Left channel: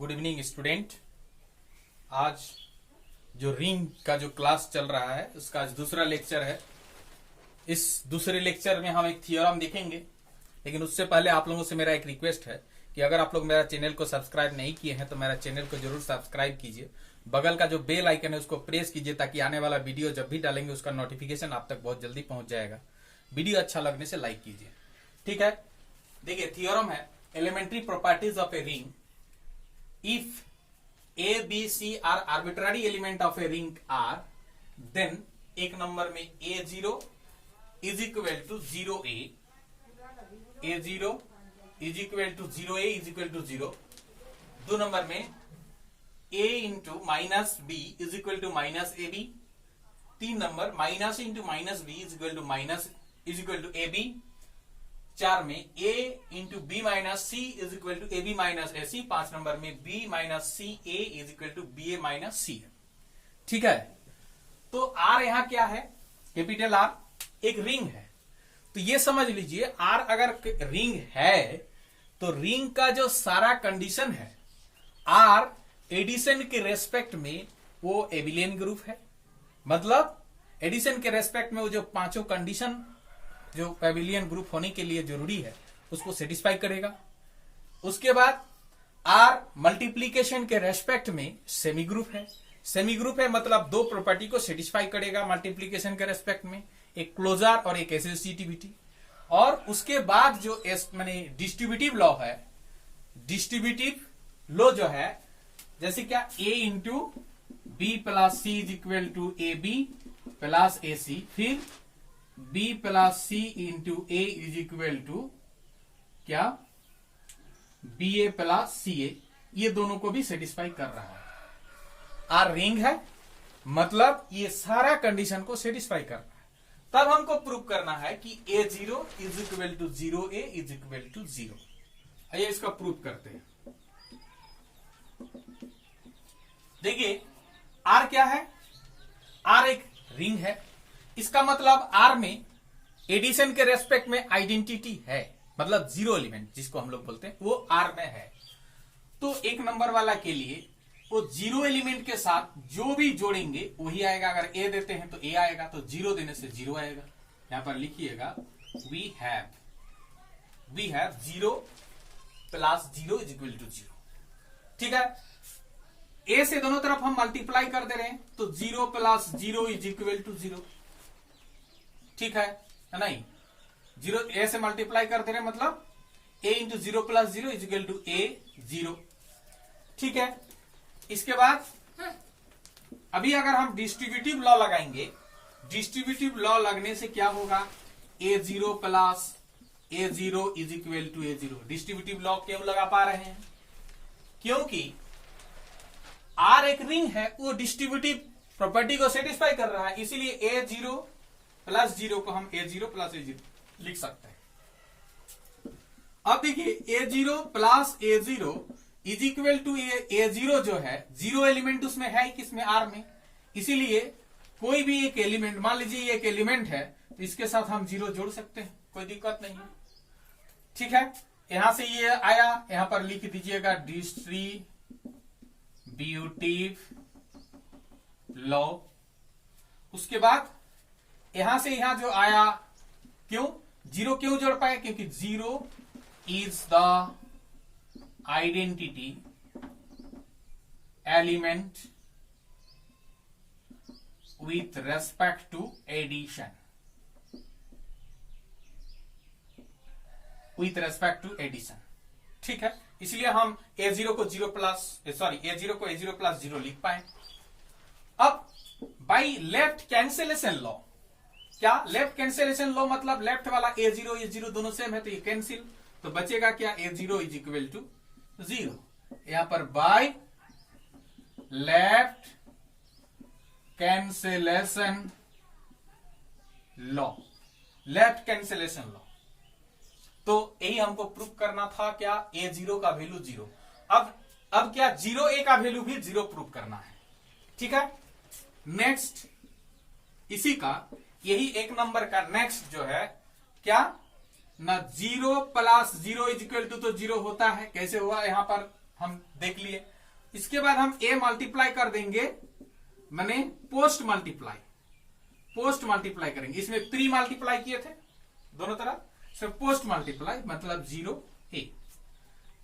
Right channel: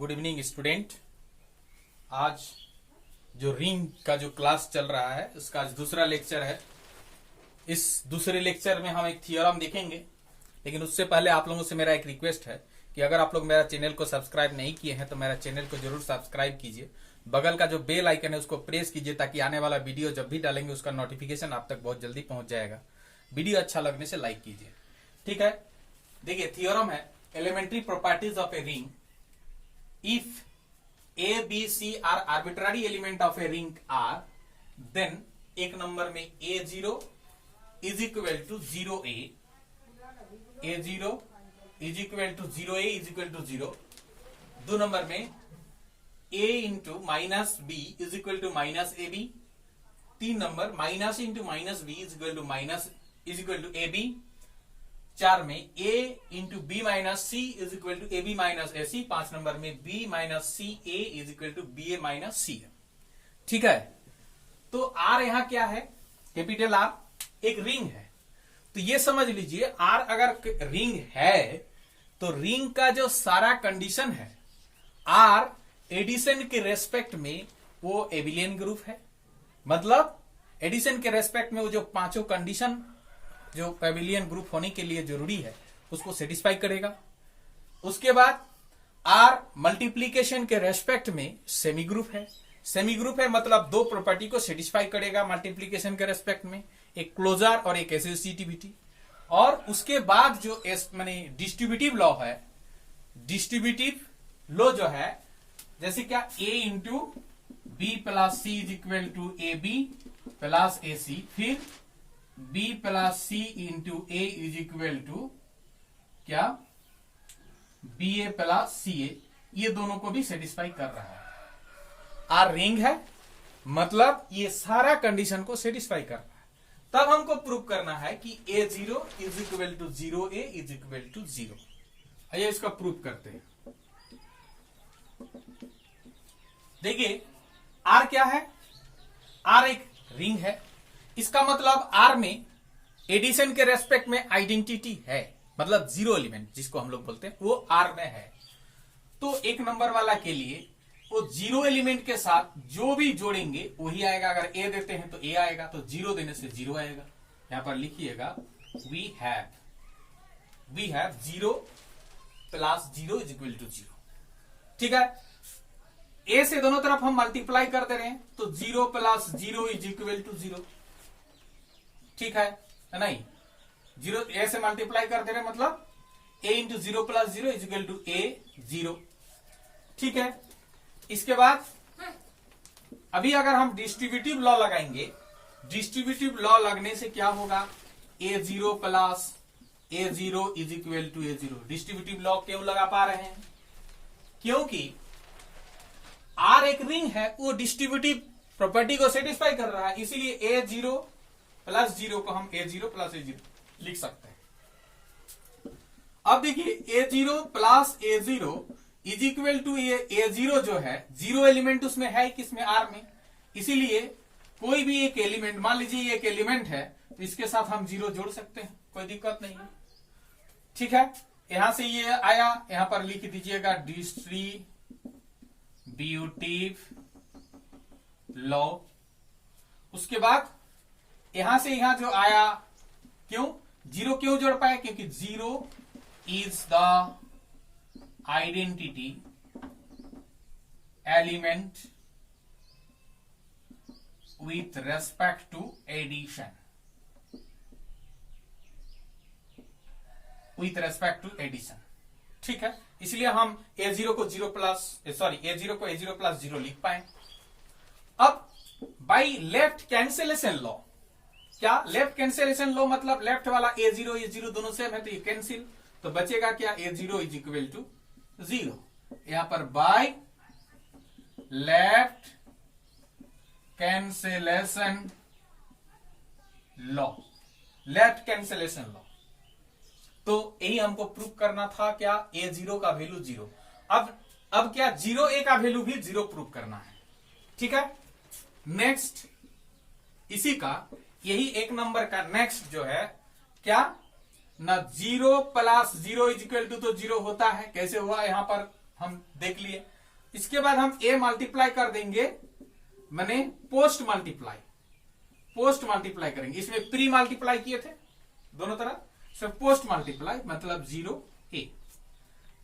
Good evening student. आज जो ring का जो क्लास चल रहा है उसका आज दूसरा लेक्चर है। इस दूसरे लेक्चर में हम एक थियोरम देखेंगे, लेकिन उससे पहले आप लोगों से मेरा एक रिक्वेस्ट है कि अगर आप लोग मेरा चैनल को सब्सक्राइब नहीं किए हैं तो मेरा चैनल को जरूर सब्सक्राइब कीजिए। बगल का जो बेल आइकन है उसको प्रेस कीजिए ताकि आने वाला वीडियो जब भी डालेंगे उसका नोटिफिकेशन आप तक बहुत जल्दी पहुंच जाएगा। वीडियो अच्छा लगने से लाइक कीजिए, ठीक है। देखिए थियोरम है elementary properties of a ring. If A, B, C are arbitrary element of a ring R, then एक नंबर में A0 is equal to 0A, A0 is equal to 0A is equal to 0। दो number में A into minus B is equal to minus AB। तीन number minus into minus B is equal to minus is equal to AB। चार में A into B minus C is equal to A B minus A C. पांच number में B minus C A is equal to B A minus C है, ठीक है। तो R यहां क्या है? कैपिटल R एक रिंग है। तो ये समझ लीजिए R अगर रिंग है तो रिंग का जो सारा कंडीशन है R एडिशन के रेस्पेक्ट में वो एबिलियन ग्रुप है। मतलब एडिशन के रेस्पेक्ट में वो जो पांचों कंडीशन जो एबिलियन ग्रुप होने के लिए जरूरी है उसको सेटिस्फाई करेगा। उसके बाद आर मल्टीप्लीकेशन के रेस्पेक्ट में सेमी ग्रुप है। सेमी ग्रुप है मतलब दो प्रॉपर्टी को सेटिस्फाई करेगा मल्टीप्लीकेशन के रेस्पेक्ट में, एक क्लोजर और एक एसोसिएटिविटी। और उसके बाद जो माने डिस्ट्रीब्यूटिव लॉ है, डिस्ट्रीब्यूटिव लॉ जो है जैसे क्या A into B plus C is equal to A B plus A C, फिर B plus C into A is equal to क्या B A plus C A. ये दोनों को भी सेटिस्फाई कर रहा है। आर रिंग है मतलब ये सारा कंडीशन को सेटिस्फाई कर रहा है। तब हमको प्रूव करना है कि A zero is equal to zero A is equal to zero. आइए इसका प्रूव करते हैं। देखिए आर क्या है? आर एक रिंग है। इसका मतलब आर में एडिशन के रेस्पेक्ट में आइडेंटिटी है, मतलब जीरो एलिमेंट जिसको हम लोग बोलते हैं वो आर में है। तो एक नंबर वाला के लिए वो जीरो एलिमेंट के साथ जो भी जोड़ेंगे वही आएगा। अगर ए देते हैं तो ए आएगा, तो जीरो देने से जीरो आएगा। यहां पर लिखिएगा we have zero plus zero is equal to zero, ठीक है। ए से दोनों तरफ हम मल्टीप्लाई कर दे रहे हैं तो zero plus zero is equal to zero, ठीक है नहीं। जीरो ए से मल्टीप्लाई कर दे रहे मतलब A into zero plus zero is equal to A zero, ठीक है। इसके बाद अभी अगर हम डिस्ट्रीब्यूटिव लॉ लगाएंगे, डिस्ट्रीब्यूटिव लॉ लगने से क्या होगा? A zero plus A zero is equal to A zero. Distributive law क्यों लगा पा रहे हैं? क्योंकि आर एक रिंग है, वो डिस्ट्रीब्यूटिव प्रॉपर्टी को सेटिस्फाई कर रहा है, इसीलिए ए जीरो प्लस जीरो को हम A zero plus A zero लिख सकते हैं। अब देखिए A zero plus A zero is equal to A zero जो है, जीरो एलिमेंट उसमें है किसमें? आर में। इसीलिए कोई भी एक एलिमेंट, मान लीजिए एक एलिमेंट है तो इसके साथ हम जीरो जोड़ सकते हैं, कोई दिक्कत नहीं है, ठीक है। यहां से ये आया, यहां पर लिख दीजिएगा डिस्ट्रीब्यूटिव लॉ। उसके बाद यहां से यहां जो आया, क्यों जीरो क्यों जोड़ पाए? क्योंकि zero is the identity element with respect to addition, with respect to addition, ठीक है। इसलिए हम ए जीरो को जीरो प्लस ए जीरो को ए जीरो प्लस जीरो लिख पाए। अब बाई लेफ्ट कैंसिलेशन लॉ, क्या लेफ्ट कैंसिलेशन लॉ मतलब लेफ्ट वाला ए जीरो दोनों सेम है तो ये कैंसिल, तो बचेगा क्या? A zero is equal to zero. यहां पर by left cancellation law, left cancellation law. तो यही हमको प्रूव करना था, क्या? ए जीरो का वैल्यू जीरो। अब क्या जीरो ए का वैल्यू भी जीरो प्रूव करना है, ठीक है। नेक्स्ट इसी का यही एक नंबर का नेक्स्ट जो है क्या? ना zero plus zero is equal to तो जीरो होता है, कैसे हुआ? यहां पर हम देख लिए। इसके बाद हम ए मल्टीप्लाई कर देंगे, मैंने पोस्ट मल्टीप्लाई करेंगे। इसमें प्री मल्टीप्लाई किए थे दोनों तरफ, इसमें पोस्ट मल्टीप्लाई मतलब 0a।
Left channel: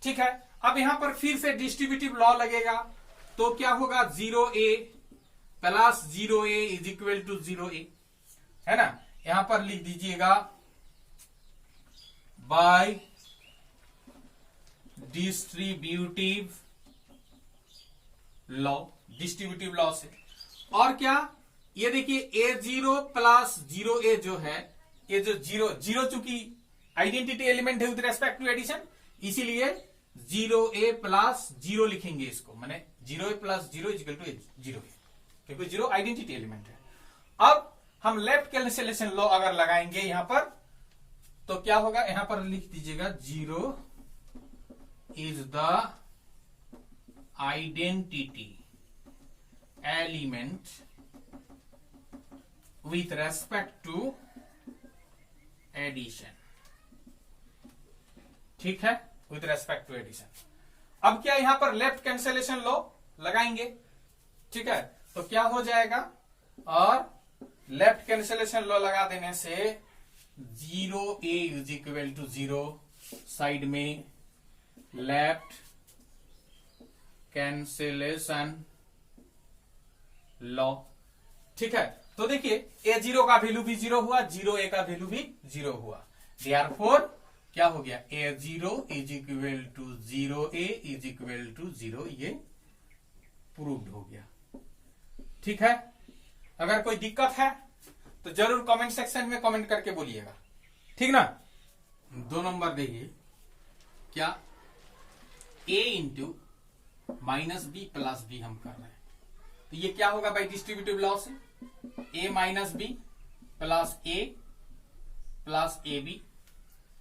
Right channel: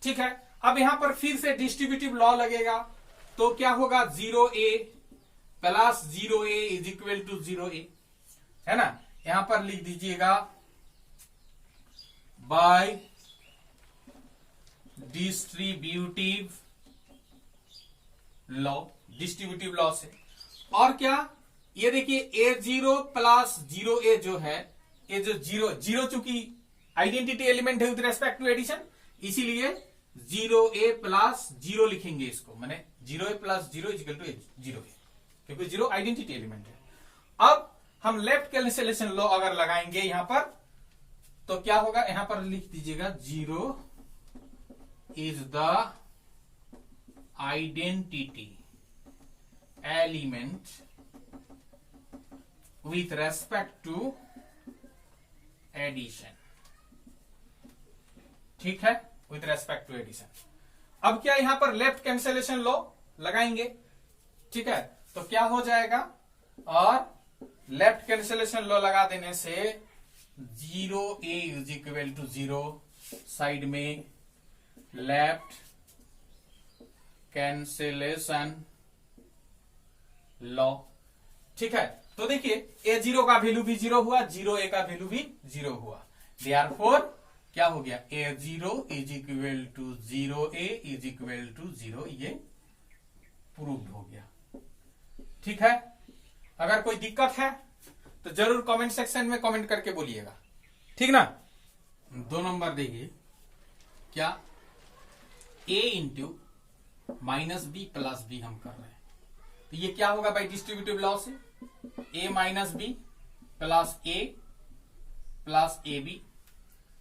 ठीक है, अब यहां पर फिर से डिस्ट्रीब्यूटिव लॉ लगेगा, तो क्या होगा 0a plus 0a is equal to 0a, है ना। यहां पर लिख दीजिएगा बाय डिस्ट्रीब्यूटिव लॉ से। और क्या, ये देखिए a0 प्लस 0a जो है, ये जो जीरो चूंकि आइडेंटिटी एलिमेंट है विद रेस्पेक्ट टू एडिशन, इसीलिए 0a प्लस 0 लिखेंगे इसको, मैंने 0a plus 0 is equal to 0, क्योंकि 0 आइडेंटिटी एलिमेंट है। अब हम लेफ्ट कैंसिलेशन लॉ अगर लगाएंगे यहां पर, तो क्या होगा, यहां पर लिख दीजिएगा 0 is the identity element with respect to addition. ठीक है, विथ रेस्पेक्ट टू एडिशन। अब क्या यहां पर लेफ्ट कैंसिलेशन लॉ लगाएंगे, ठीक है, तो क्या हो जाएगा, और लेफ्ट कैंसिलेशन लॉ लगा देने से 0a is equal to 0, side में लेफ्ट कैंसिलेशन लॉ। ठीक है, तो देखिए a0 का वैल्यू भी 0 हुआ, 0a का वैल्यू भी 0 हुआ, देयरफॉर क्या हो गया, a0 is equal to 0a is equal to 0, ये प्रूव्ड हो गया। ठीक है, अगर कोई दिक्कत है तो जरूर कमेंट सेक्शन में कमेंट करके बोलिएगा, ठीक ना। 2 नंबर देखिए, क्या a into minus b plus b हम कर रहे हैं, तो ये क्या होगा बाई डिस्ट्रीब्यूटिव लॉ से, a minus b plus a plus a B.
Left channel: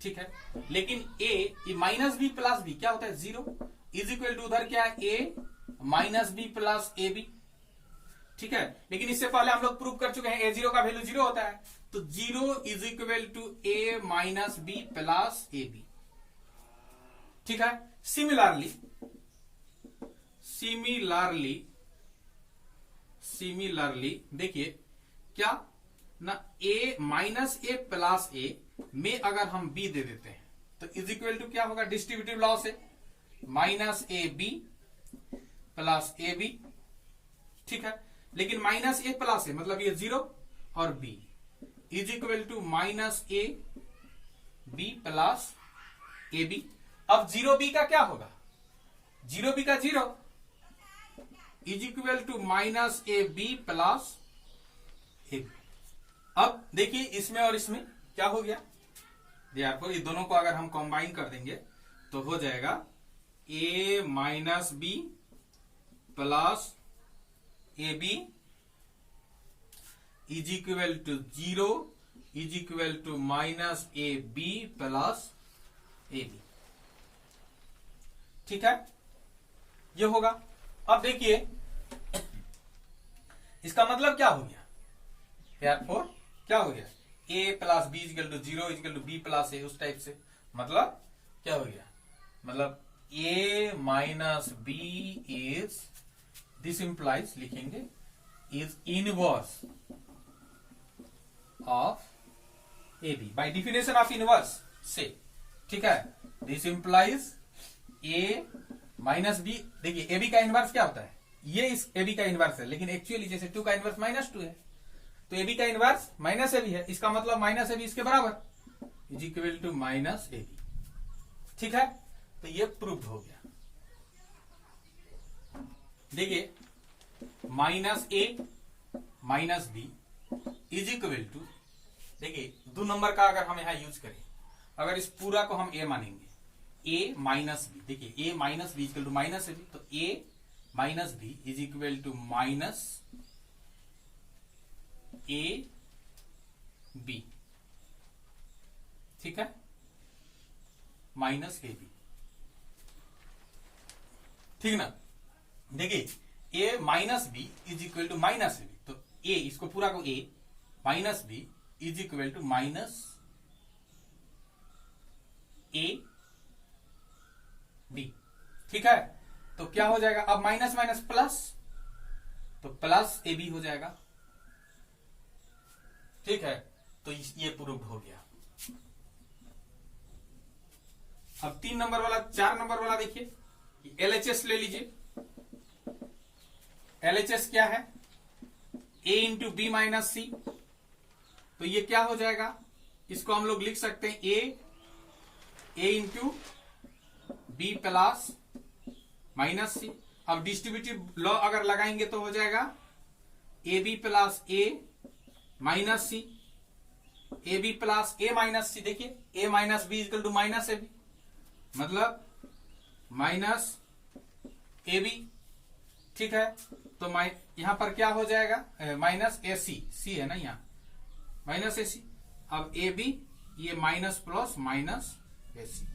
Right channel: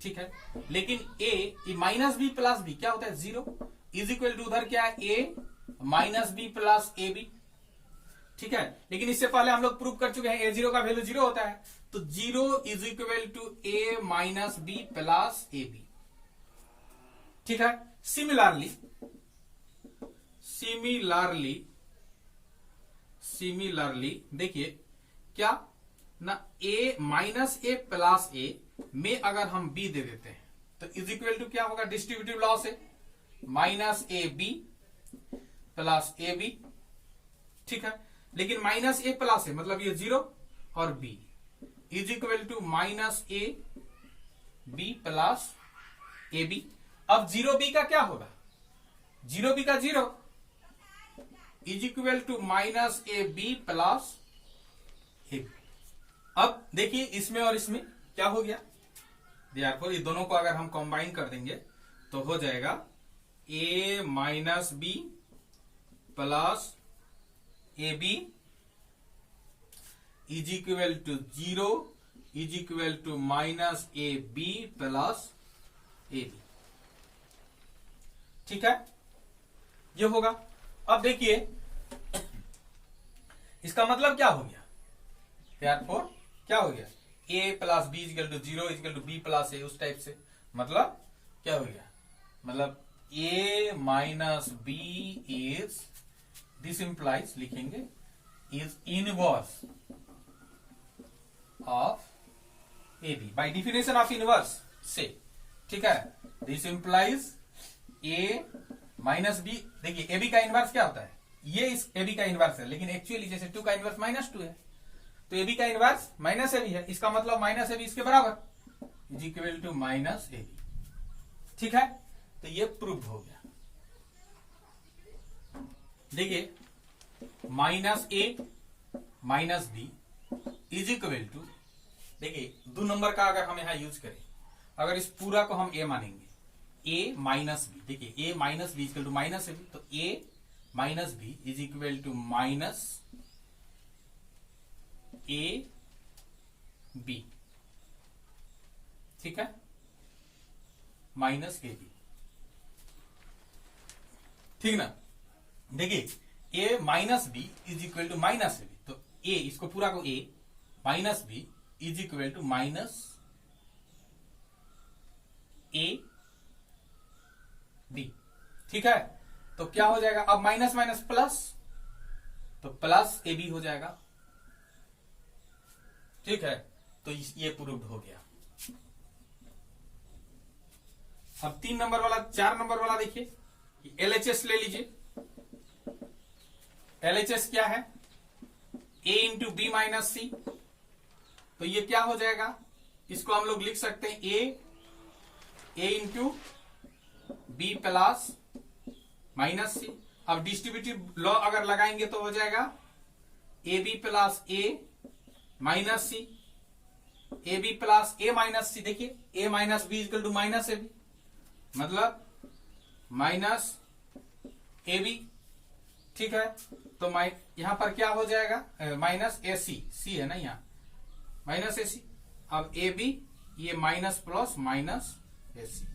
ठीक है, लेकिन a minus b plus b क्या होता है 0, इज इक्वल टू उधर क्या है a minus b plus a B. ठीक है, लेकिन इससे पहले हम लोग प्रूव कर चुके हैं a0 का वैल्यू 0 होता है, तो 0 is equal to a minus b plus a B. ठीक है, सिमिलरली देखिए क्या ना, a minus a plus a में अगर हम b दे देते हैं तो इज इक्वल टू क्या होगा, डिस्ट्रीब्यूटिव लॉ से minus A B plus a B. ठीक है, लेकिन माइनस ए प्लस ए मतलब ये 0 और b is equal to minus A B plus a b. अब 0b का क्या होगा, 0b का 0 is equal to minus A B plus a b. अब देखिए इसमें और इसमें क्या हो गया, देखो ये दोनों को अगर हम कंबाइन कर देंगे तो हो जाएगा a minus b plus a b is equal to 0 is equal to minus A B plus a B. ठीक है, ये होगा। अब देखिए इसका मतलब क्या हो गया, therefore क्या हो गया, a plus B is equal to 0 is equal to B plus A, उस टाइप से मतलब क्या हो गया, मतलब a minus B is, this implies लिखेंगे is inverse of A B by definition of inverse से। ठीक है, this implies a minus B, देखिए ए बी का इनवर्स क्या होता है, ये इस ए बी का इनवर्स है, लेकिन एक्चुअली जैसे 2 का इनवर्स माइनस 2 है, तो ए बी का इनवर्स माइनस ए बी है, इसका मतलब माइनस ए बी इसके बराबर is equal to minus A B. ठीक है, तो ये प्रूव हो गया। देखिए minus a minus B is equal to, देखिए 2 नंबर का अगर हम यहां यूज करें, अगर इस पूरा को हम ए मानेंगे, a माइनस बी, देखिए a minus B equal to minus A b, तो a minus B is equal to minus A B. ठीक है, माइनस ए बी, ठीक ना। देखिए a minus B is equal to minus A b, तो a इसको पूरा को a minus B is equal to minus A B. ठीक है, तो क्या हो जाएगा, अब माइनस माइनस प्लस, तो प्लस ए बी हो जाएगा। ठीक है, तो ये प्रूव्ड हो गया। अब 3 नंबर वाला, 4 नंबर वाला देखिए, एलएचएस ले लीजिए। एलएचएस क्या है, ए इंटू बी माइनस सी। तो ये क्या हो जाएगा, इसको हम लोग लिख सकते हैं A into B plus minus C. अब डिस्ट्रीब्यूटिव लॉ अगर लगाएंगे तो हो जाएगा A B plus A minus C, A B plus A minus C. देखिए A minus B equal to minus A B, मतलब माइनस ए बी। ठीक है, तो यहां पर क्या हो जाएगा, माइनस ए सी, सी है ना यहां, माइनस ए सी। अब ए बी, ये minus plus minus A C,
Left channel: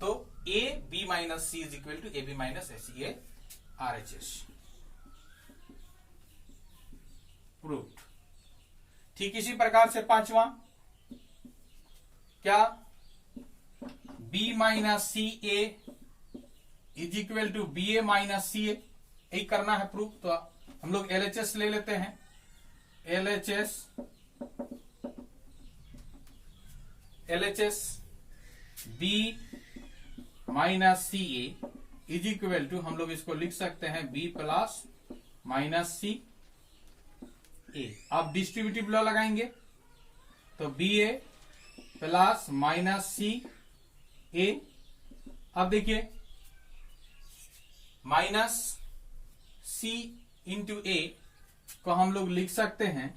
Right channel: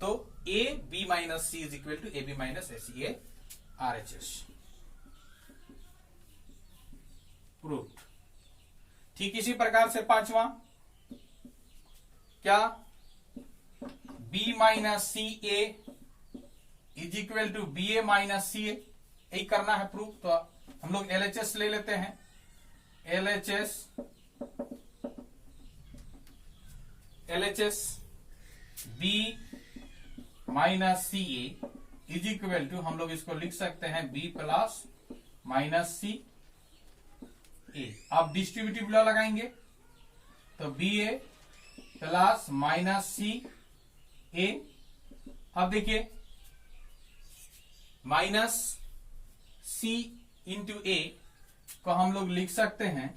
तो ए B minus C is equal to A B minus A C, ये आरएचएस प्रूव्ड। ठीक इसी प्रकार से 5वां, क्या, B minus C A is equal to B A minus C A, यही करना है प्रूफ। तो हम लोग एलएचएस ले लेते हैं। LHS b minus C A is equal to, हम लोग इसको लिख सकते हैं b plus minus C a. अब डिस्ट्रीब्यूटिव लॉ लगाएंगे तो b A plus minus C a. अब देखिए माइनस सी इंटू ए को हम लोग लिख सकते हैं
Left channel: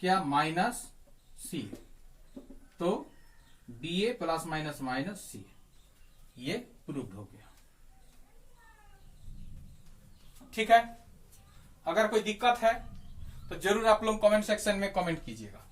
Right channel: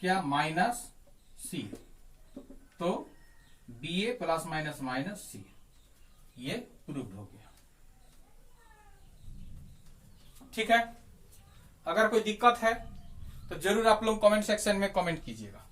क्या, माइनस सी, तो बी ए प्लस माइनस माइनस सी, ये प्रूव्ड हो गया। ठीक है, अगर कोई दिक्कत है तो जरूर आप लोग कमेंट सेक्शन में कमेंट कीजिएगा।